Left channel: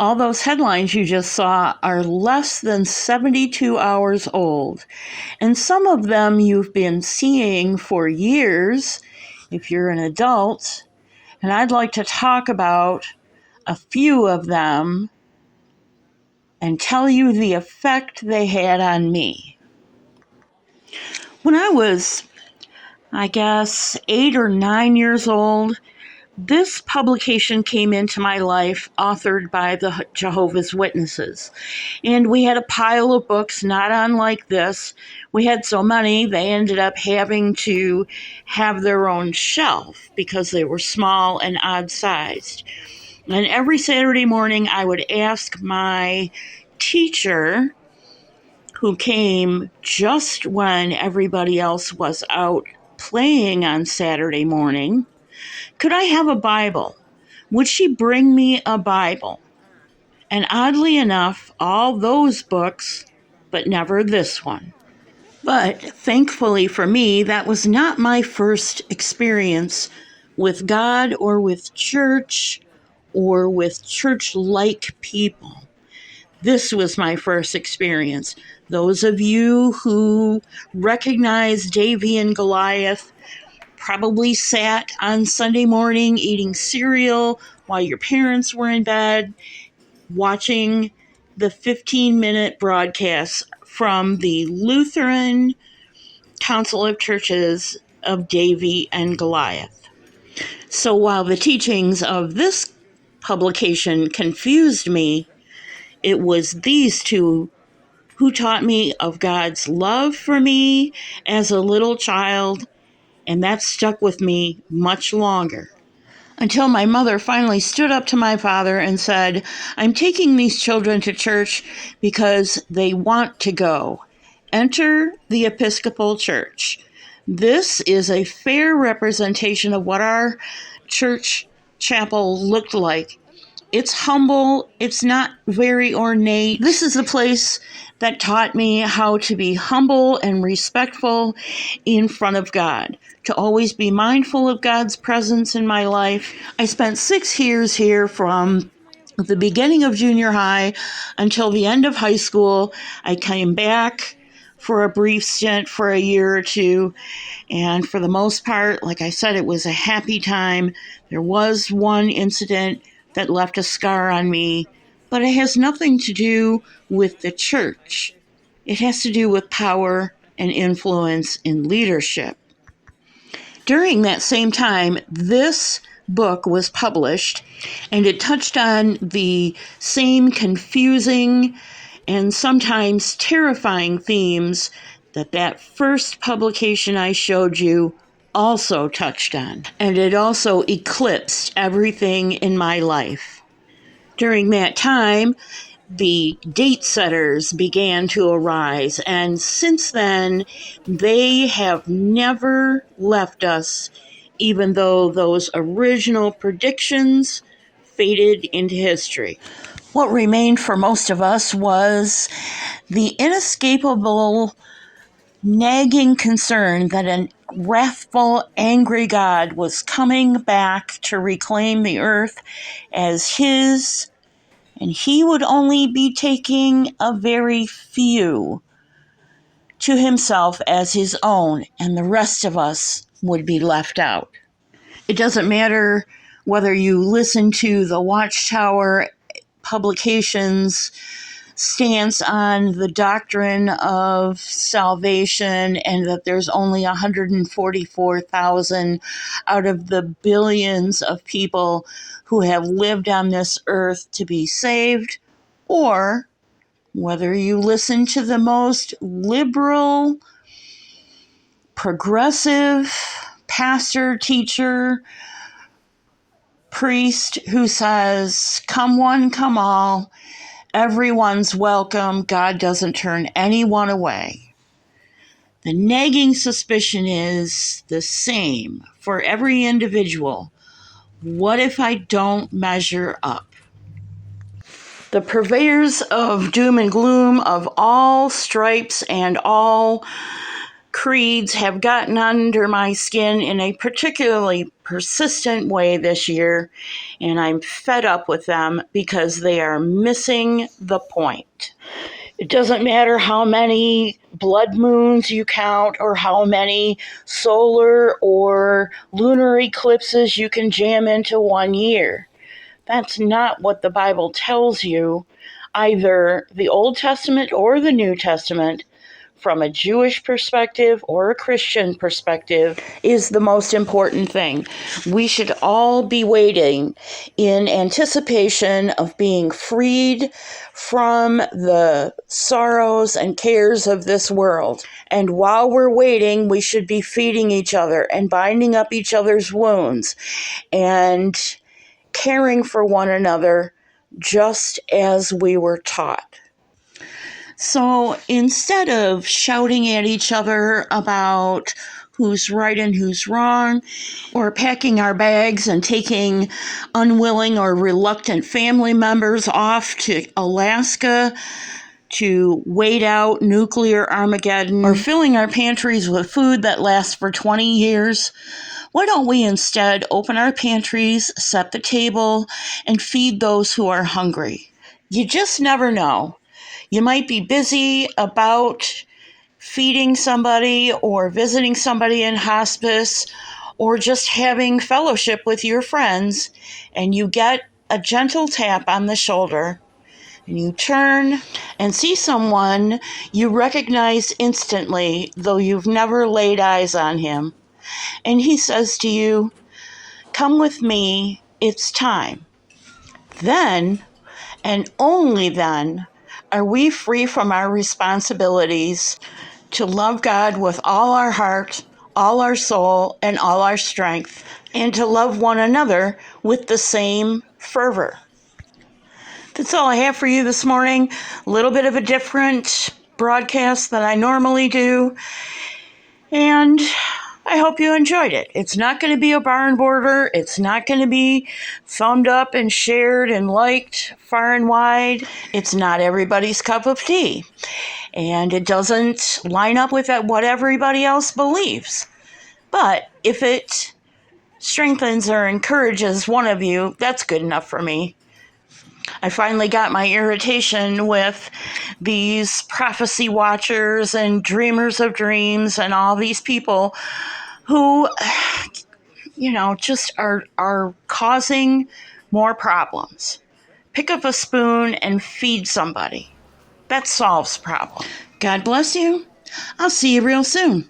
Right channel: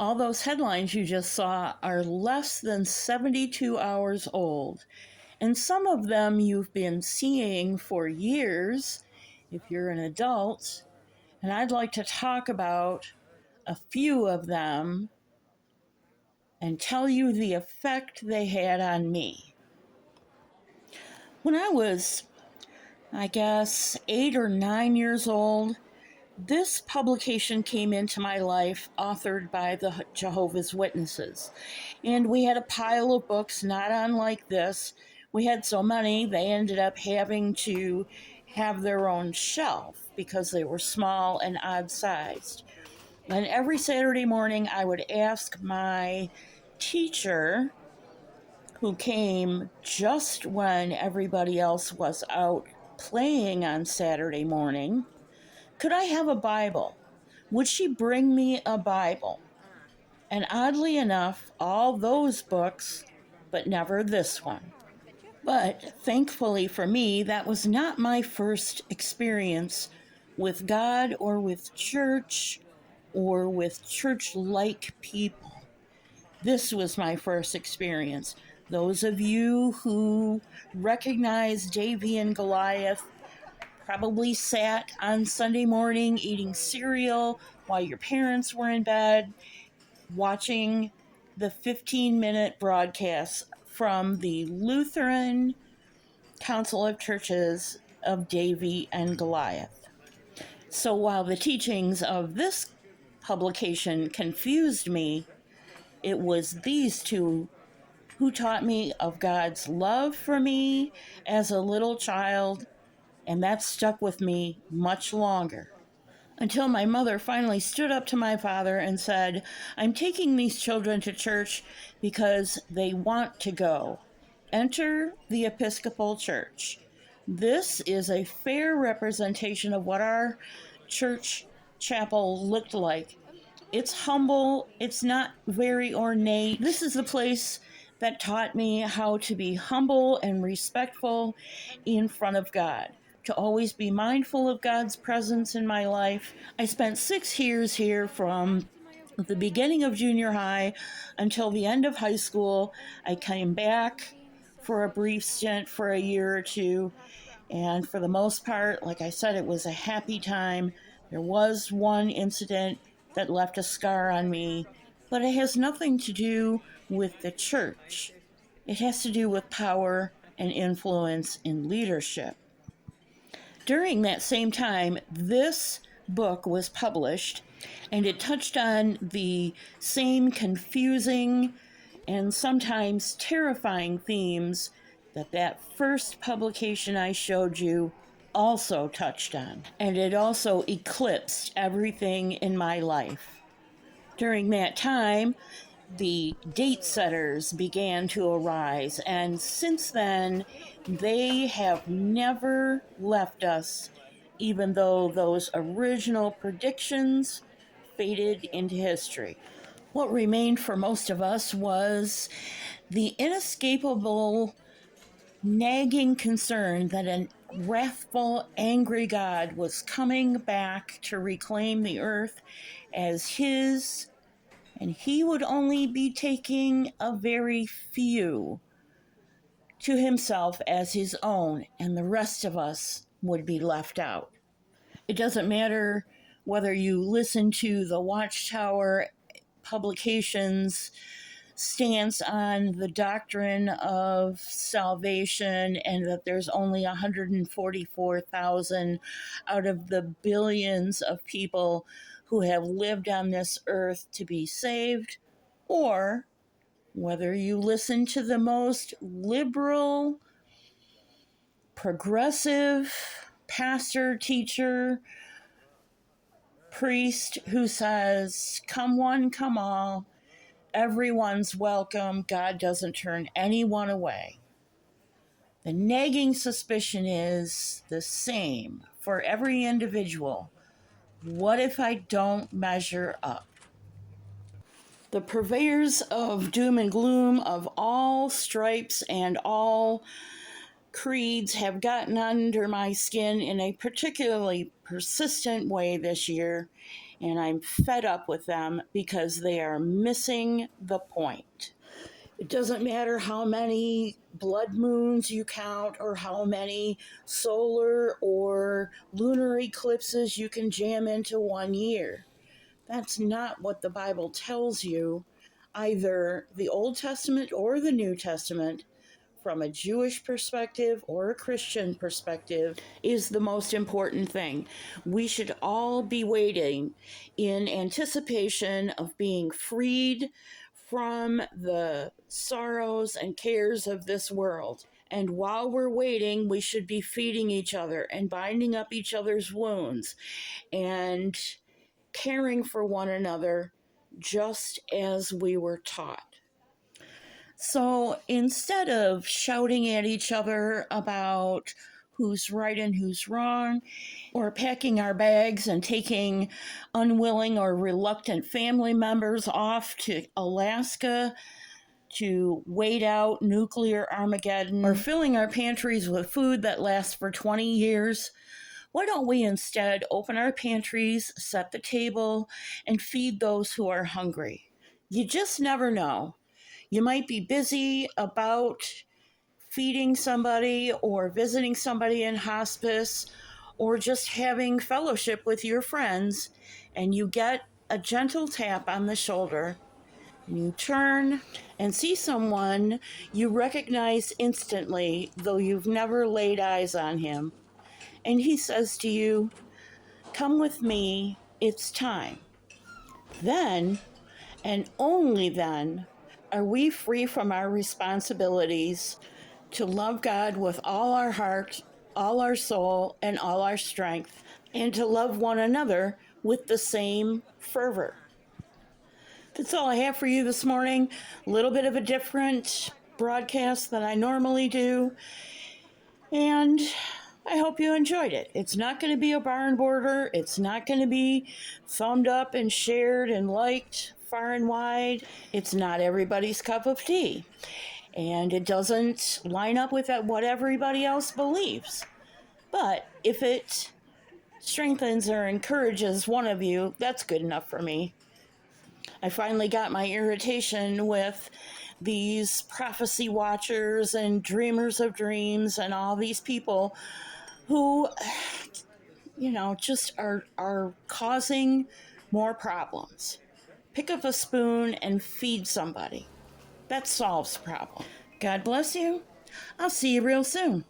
All those headlines you just saw are less than 72 hours old, and some of them you've been seeing for years if you're an adult, and I'd like to talk about a few of them and tell you the effect they had on me. When I was, I guess, 8 or 9 years old, this publication came into my life, authored by the Jehovah's Witnesses. And we had a pile of books, not unlike this. We had so many, they ended up having to have their own shelf because they were small and odd-sized. And every Saturday morning, I would ask my teacher, who came just when everybody else was out playing on Saturday morning, could I have a Bible? Would she bring me a Bible? And oddly enough, all those books, but never this one. But thankfully for me, that was not my first experience with God or with church or with church-like people. This was my first experience. Those of you who recognize Davy and Goliath probably sat on Sunday morning eating cereal while your parents were in bed, watching the 15-minute broadcasts from the Lutheran Council of Churches of Davy and Goliath. So while the teachings of this publication confused me, it was these two who taught me of God's love for me as a little child, and that stuck with me much longer. Until my mother finally stood up to my father and said, "I'm taking these children to church because they want to go. Enter the Episcopal Church. This is a fair representation of what our church chapel looked like. It's humble. It's not very ornate. This is the place that taught me how to be humble and respectful in front of God, to always be mindful of God's presence in my life. I spent 6 years here from the beginning of junior high until the end of high school. I came back for a brief stint for a year or two, and for the most part, like I said, it was a happy time. There was one incident that left a scar on me, but it has nothing to do with the church. It has to do with power and influence in leadership. During that same time, this book was published, and it touched on the same confusing and sometimes terrifying themes that first publication I showed you also touched on. And it also eclipsed everything in my life. During that time, the date setters began to arise, and since then, they have never left us, even though those original predictions faded into history. What remained for most of us was the inescapable, nagging concern that a wrathful, angry God was coming back to reclaim the earth as his, and he would only be taking a very few to himself as his own, and the rest of us would be left out. It doesn't matter whether you listen to the Watchtower publications stance on the doctrine of salvation and that there's only 144,000 out of the billions of people who have lived on this earth to be saved, or whether you listen to the most liberal, progressive pastor, teacher, priest who says, "Come one, come all, everyone's welcome, God doesn't turn anyone away." The nagging suspicion is the same for every individual. What if I don't measure up? The purveyors of doom and gloom of all stripes and all creeds have gotten under my skin in a particularly persistent way this year, and I'm fed up with them because they are missing the point. It doesn't matter how many blood moons you count or how many solar or lunar eclipses you can jam into one year. That's not what the Bible tells you, either the Old Testament or the New Testament. From a Jewish perspective or a Christian perspective, is the most important thing. We should all be waiting in anticipation of being freed from the sorrows and cares of this world. And while we're waiting, we should be feeding each other and binding up each other's wounds and caring for one another just as we were taught. So instead of shouting at each other about who's right and who's wrong, or packing our bags and taking unwilling or reluctant family members off to Alaska to wait out nuclear Armageddon, or filling our pantries with food that lasts for 20 years, why don't we instead open our pantries, set the table, and feed those who are hungry? You just never know. You might be busy about feeding somebody or visiting somebody in hospice or just having fellowship with your friends, and you get a gentle tap on the shoulder, and you turn and see someone you recognize instantly, though you've never laid eyes on him, and he says to you, "Come with me, it's time." Then, and only then, are we free from our responsibilities to love God with all our heart, all our soul, and all our strength, and to love one another with the same fervor. That's all I have for you this morning. A little bit of a different broadcast than I normally do, and I hope you enjoyed it. It's not going to be a barn border. It's not going to be thumbed up and shared and liked far and wide. It's not everybody's cup of tea. And it doesn't line up with what everybody else believes. But if it strengthens or encourages one of you, that's good enough for me. I finally got my irritation with these prophecy watchers and dreamers of dreams and all these people who, just are causing more problems. Pick up a spoon and feed somebody. That solves the problem. God bless you. I'll see you real soon.